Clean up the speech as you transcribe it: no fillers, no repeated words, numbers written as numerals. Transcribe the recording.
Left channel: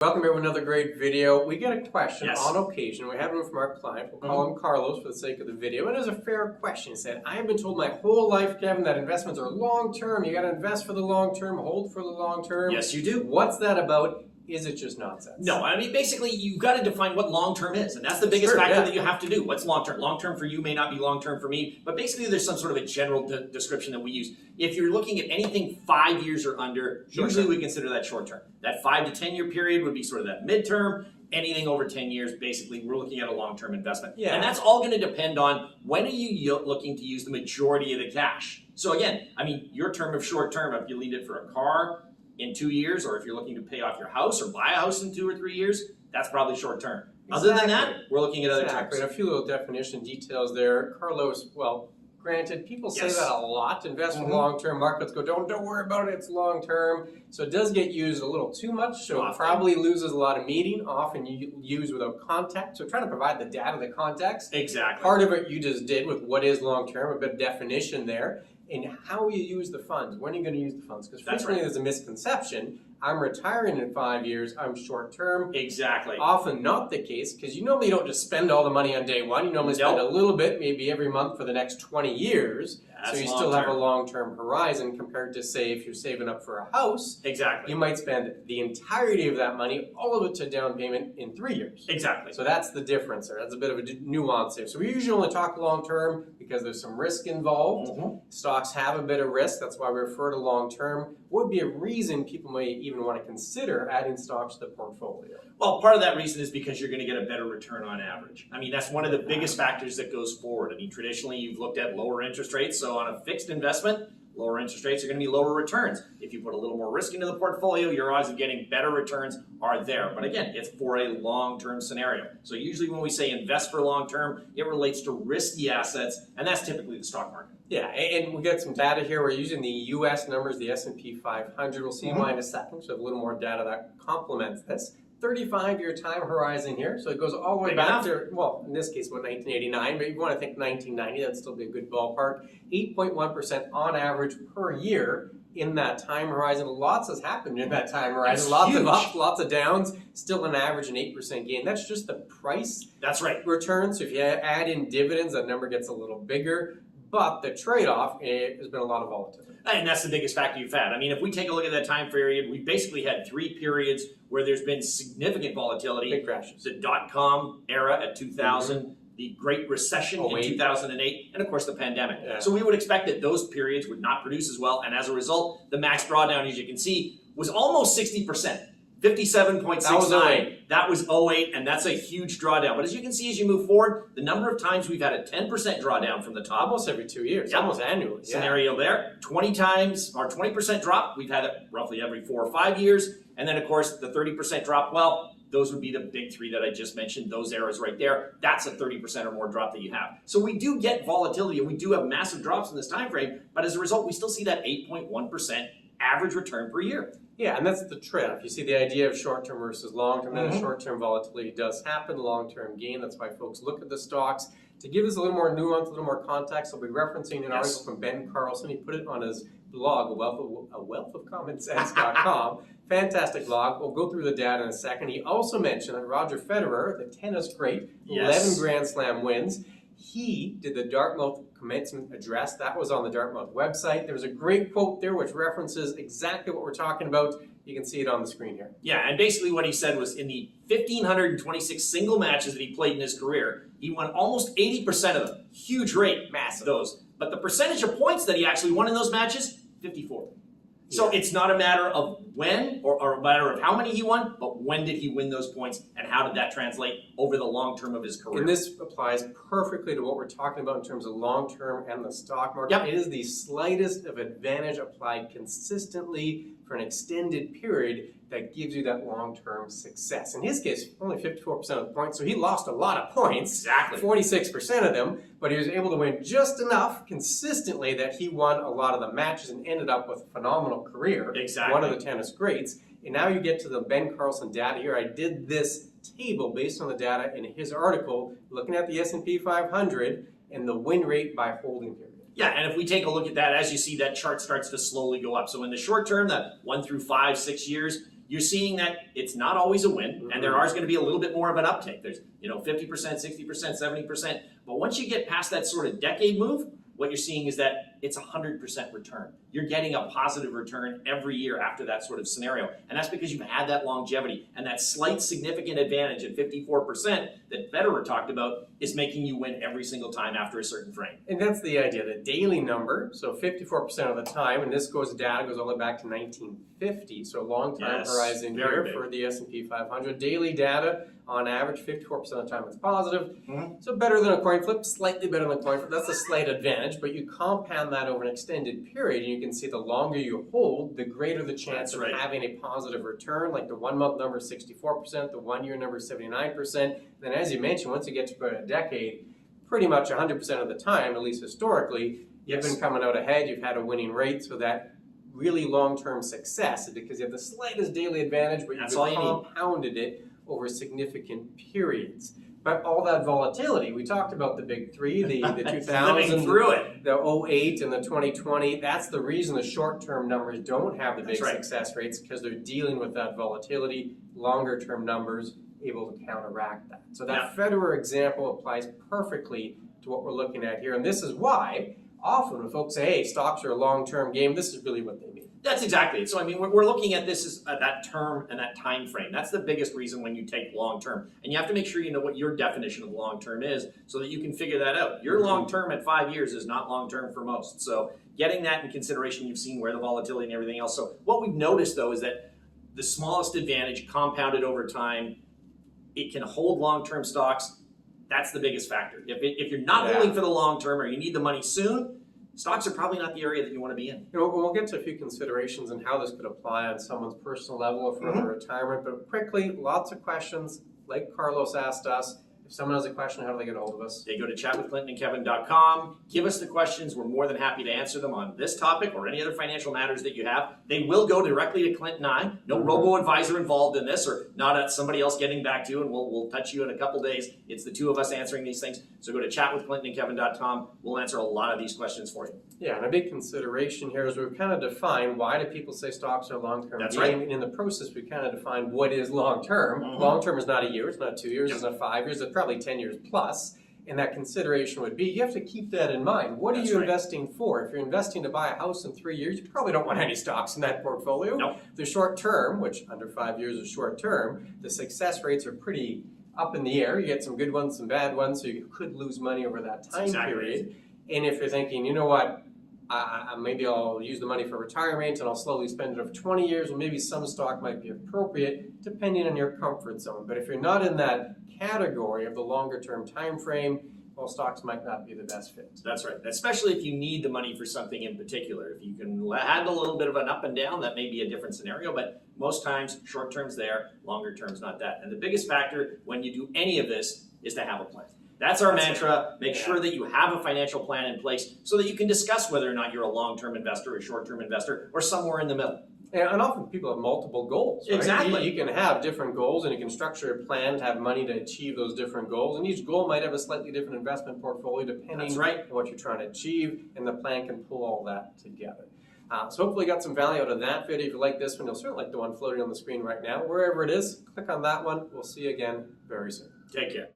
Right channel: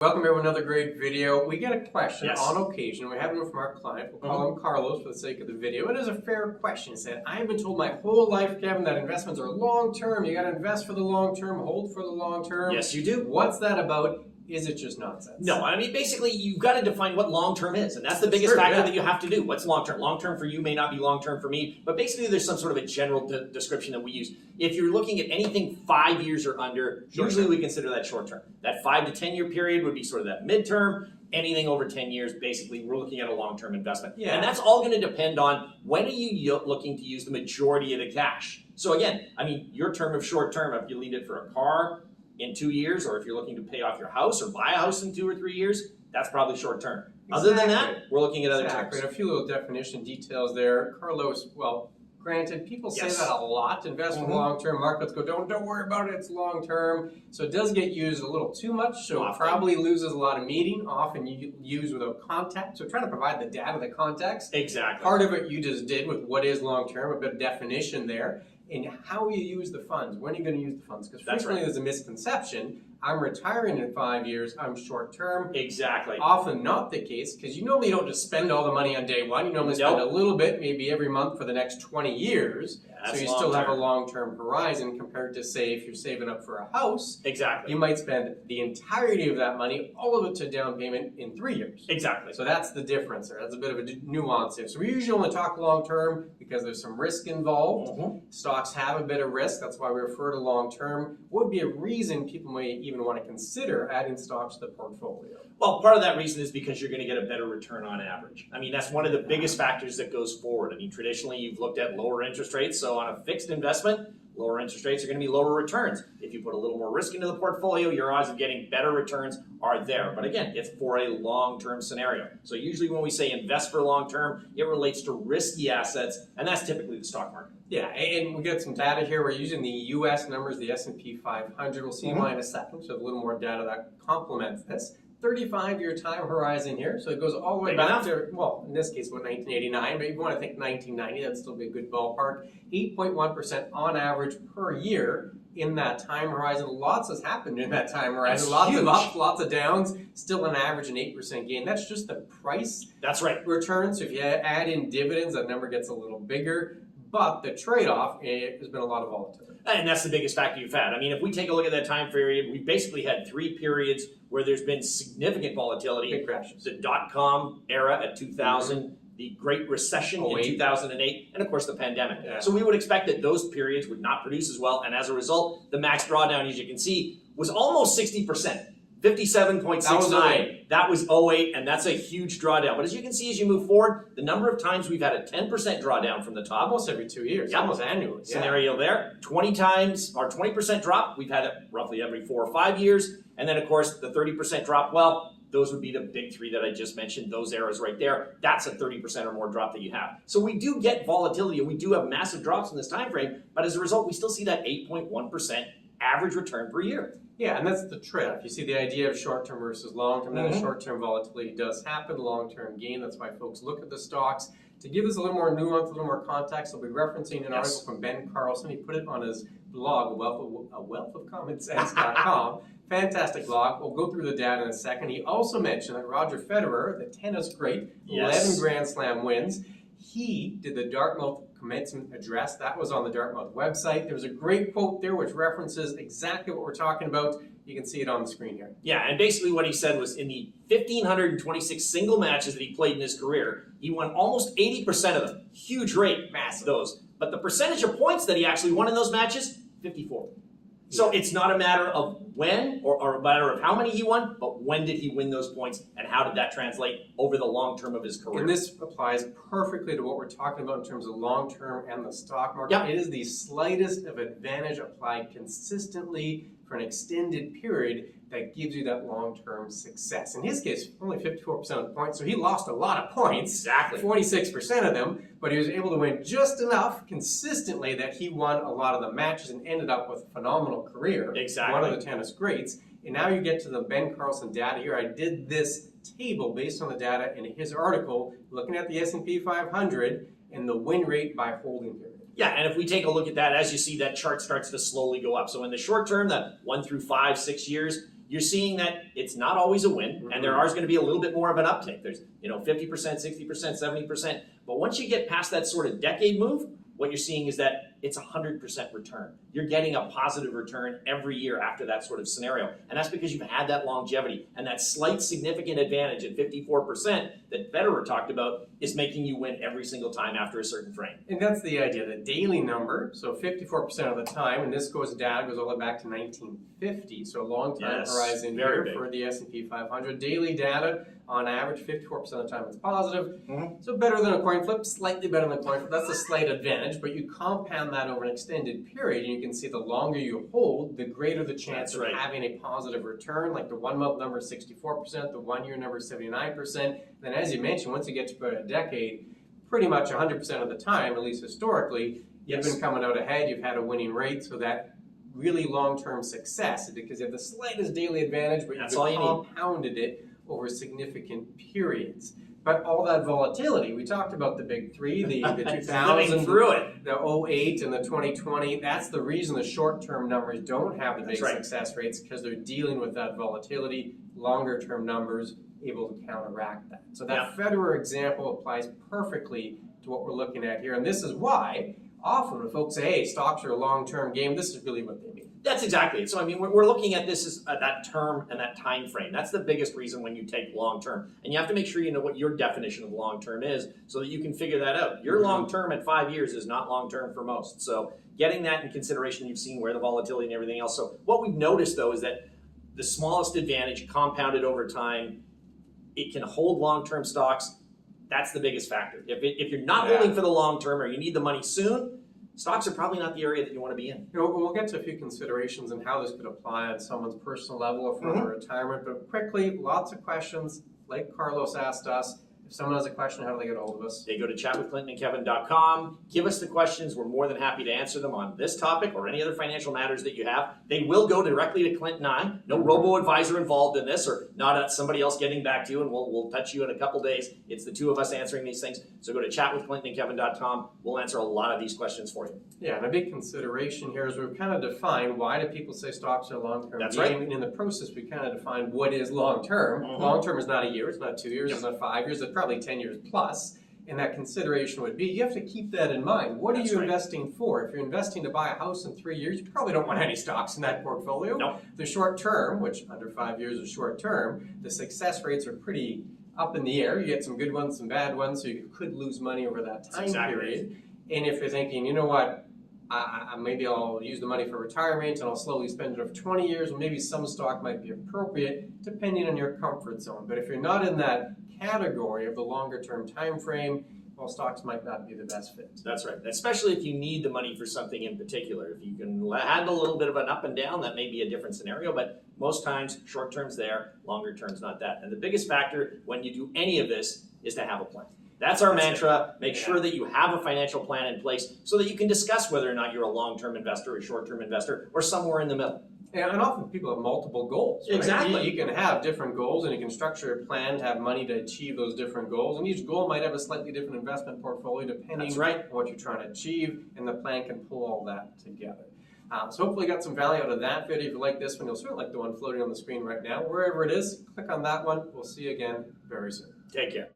Welcome to another great video. We get a question Yes. on occasion. We have one from our client. We'll call him Carlos for the sake of the video. It is a fair question. He said, I have been told my whole life, Kevin, that investments are long-term. You got to invest for the long term, hold for the long term. Yes, you do. What's that about? Is it just nonsense? No, I mean, basically, you've got to define what long-term is, and that's the biggest factor that you have to do. What's long-term? Long-term for you may not be long-term for me, but basically there's some sort of a general description that we use. If you're looking at anything 5 years or under, usually we consider that short-term. That 5 to 10 year period would be sort of that mid-term. Anything over 10 years, basically, we're looking at a long-term investment. Yeah. And that's all going to depend on when are you looking to use the majority of the cash. So again, I mean, your term of short-term, if you need it for a car in 2 years, or if you're looking to pay off your house or buy a house in 2 or 3 years, that's probably short-term. Other than that, we're looking at other terms. A few little definition details there. Carlos, well, granted, people say that a lot. Invest for long-term. Markets go, don't worry about it, it's long-term. So it does get used a little too much, so it probably loses a lot of meaning, often used without context. So trying to provide the data, the context. Exactly. Part of it you just did with what is long-term, a bit of definition there, and how you use the funds. When are you going to use the funds? Because frequently there's a misconception. I'm retiring in 5 years, I'm short-term. Exactly. Often not the case, because you normally don't just spend all the money on day one. You normally spend a little bit, maybe every month for the next 20 years. So you still have a long-term horizon compared to, say, if you're saving up for a house. Exactly. You might spend the entirety of that money, all of it to down payment in 3 years. Exactly. So that's the difference there. That's a bit of a nuance there. So we usually only talk long-term because there's some risk involved. Stocks have a bit of risk. That's why we refer to long-term. Would be a reason people may even want to consider adding stocks to the portfolio. Well, part of that reason is because you're going to get a better return on average. I mean, that's one of the biggest factors that goes forward. I mean, traditionally, you've looked at lower interest rates. So on a fixed investment, lower interest rates are going to be lower returns. If you put a little more risk into the portfolio, your odds of getting better returns are there. But again, it's for a long-term scenario. So usually when we say invest for long-term, it relates to risky assets, and that's typically the stock market. Yeah, and we got some data here. We're using the U.S. numbers, the S&P 500. We'll see why in a second. So a little more data that complements this. 35-year time horizon here, so it goes all the way back to, well, in this case, about 1989, but if you want to think 1990, that'd still be a good ballpark. 8.1% on average per year in that time horizon. Lots has happened in that time horizon. Lots of ups, lots of downs, still an average an 8% gain. That's just the price return. So if you add in dividends, that number gets a little bigger. But the trade-off has been a lot of volatility. And that's the biggest factor you've had. I mean, if we take a look at that time period, we basically had 3 periods where there's been significant volatility. Big crashes. The dot-com era at 2000, the Great Recession in 2008, and of course the pandemic. So we would expect that those periods would not produce as well, and as a result, the max drawdown, as you can see, was almost 60%. 57.69. That was 08, and that's a huge drawdown. But as you can see, as you move forward, the number of times we've had a 10% drawdown from the top. Almost every 2 years, almost annually. Scenario there. 20 times, or 20% drop, we've had it roughly every 4 or 5 years. And then, of course, the 30% drop, well, those would be the big 3 that I just mentioned, those eras right there. That's a 30% or more drop that you have. So we do get volatility, and we do have massive drops in this time frame, but as a result, we still see that 8.1% average return per year. Yeah, and that's the trade-off. You see the idea of short-term versus long-term, and short-term volatility does happen, long-term gain. That's why folks look at the stocks. To give us a little more nuance, a little more context, I'll be referencing an article from Ben Carlson. He put it on his blog, wealthofcommonsense.com. Fantastic blog. We'll go through the data in a second. He also mentioned that Roger Federer, the tennis great, 11 Grand Slam wins. He did the Dartmouth commencement address. That was on the Dartmouth website. There's a great quote there which references exactly what we're talking about. You can see it on the screen here. Yeah, and basically what he said was in the 1,526 single matches that he played in his career, he won almost 80% of them. Huge rate, massive those. But the percentage of points that he actually won in those matches, 54. So it's not a matter of when or a matter of how many he won, but when did he win those points and how did that translate over the long term of his career? And this applies perfectly to what we're talking about in terms of long term and the stock market. It is the slightest of advantage applied consistently for an extended period that gives you that long-term success. In his case, only 54% of the points, so he lost a lot of points, 46% of them, but he was able to win just enough consistently that he won a lot of the matches and ended up with a phenomenal career. One of the tennis greats. And now you get to the Ben Carlson data here. I did this table based on the data in his article, looking at the S&P 500 and the win rate by holding period. Yeah, and if we take a look at that, as you see, that chart starts to slowly go up. So in the short term, that 1 through 5, 6 years, you're seeing that it's not always a win, and there is going to be a little bit more of an uptick. There's 50%, 60%, 70%. But once you get past that sort of decade move, what you're seeing is that it's 100% return. You're getting a positive return every year after that sort of scenario. And that's because you've had that longevity. And that slight significant advantage at 54% that Federer talked about is making you win every single time after a certain frame. And that's the idea, the daily number, so 54% of the time, and this data goes all the way back to 1950, so a long time horizon here big. for the S&P 500. Daily data, on average, 54% of the time it's positive. So better than a coin flip, slightly better than a coin flip. That's a slight advantage, but you compound that over an extended period, and you can see the longer you hold, the greater the chance of having a positive return. Like the 1 month number is 64%, the 1 year number is 79%. Then as you mentioned, once you get to about a decade, pretty much 100% of the time, at least historically, you've been coming out ahead, you've had a winning rate, so that really long-term success is because you have the slightest daily advantage, but you've compounded it over significant periods. But all that volatility, we talked about the big three, the 2000, the 08, and the 2020. That's the reason the short-term numbers don't have the big success rates, because they're dealing with that volatility. Longer-term numbers able to counteract that. So that Federer example applies perfectly to what we're looking at here. And this is why often when folks say, hey, stocks are a long-term game, this is really what they mean. That's exactly it. So I mean, we're looking at this as that term and that time frame. That's the biggest reason when you take long term. And you have to make sure you know what your definition of long term is so that you can figure that out. Your long term at 5 years is not long term for most. So getting that in consideration, you've seen where the volatility and everything else. So what we've noticed though is that the smallest advantage compounded over time, it can hold long term stocks. That's the biggest factor. If you're not holding for the long term or you need the money soon, stocks are probably not the area that you want to be in. We'll get to a few considerations and how this could apply on someone's personal level or for retirement, but quickly, lots of questions like Carlos asked us. If someone has a question, how do they get a hold of us? They go to chatwithclintonandkevin.com. Give us the questions. We're more than happy to answer them on this topic or any other financial matters that you have. They will go directly to Clint and I. No robo-advisor involved in this or not somebody else getting back to you, and we'll touch you in a couple days. It's the two of us answering these things. So go to chatwithclintonandkevin.com. We'll answer a lot of these questions for you. Yeah, and a big consideration here is we've kind of defined why do people say stocks are long-term. That's right. And in the process, we kind of defined what is long-term. Long-term is not a year, it's not 2 years, it's not 5 years, it's probably 10 years plus. And that consideration would be, you have to keep that in mind. What are you investing for? If you're investing to buy a house in 3 years, you probably don't want any stocks in that portfolio. No. The short term, which under 5 years is short term, the success rates are pretty up in the air. You get some good ones, some bad ones, so you could lose money over that time period. And if you're thinking, you know what, maybe I'll use the money for retirement and I'll slowly spend it over 20 years, well, maybe some stock might be appropriate depending on your comfort zone. But if you're not in that category of the longer term time frame, well, stocks might not be the best fit. That's right, especially if you need the money for something in particular. If you can handle a little bit of an up and down, that may be a different scenario, but most times short term's there, longer term's not that. And the biggest factor when you do any of this is to have a plan. That's our mantra. Make sure that you have a financial plan in place so that you can discuss whether or not you're a long-term investor, a short-term investor, or somewhere in the middle. And often people have multiple goals. Right? Exactly. You can have different goals and you can structure a plan to have money to achieve those different goals. And each goal might have a slightly different investment portfolio depending on what you're trying to achieve, and the plan can pull all that together. So hopefully you got some value out of that video. If you like this one, you'll certainly like the one floating on the screen right now. Wherever it is, click on that one. We'll see you again very soon. Take care.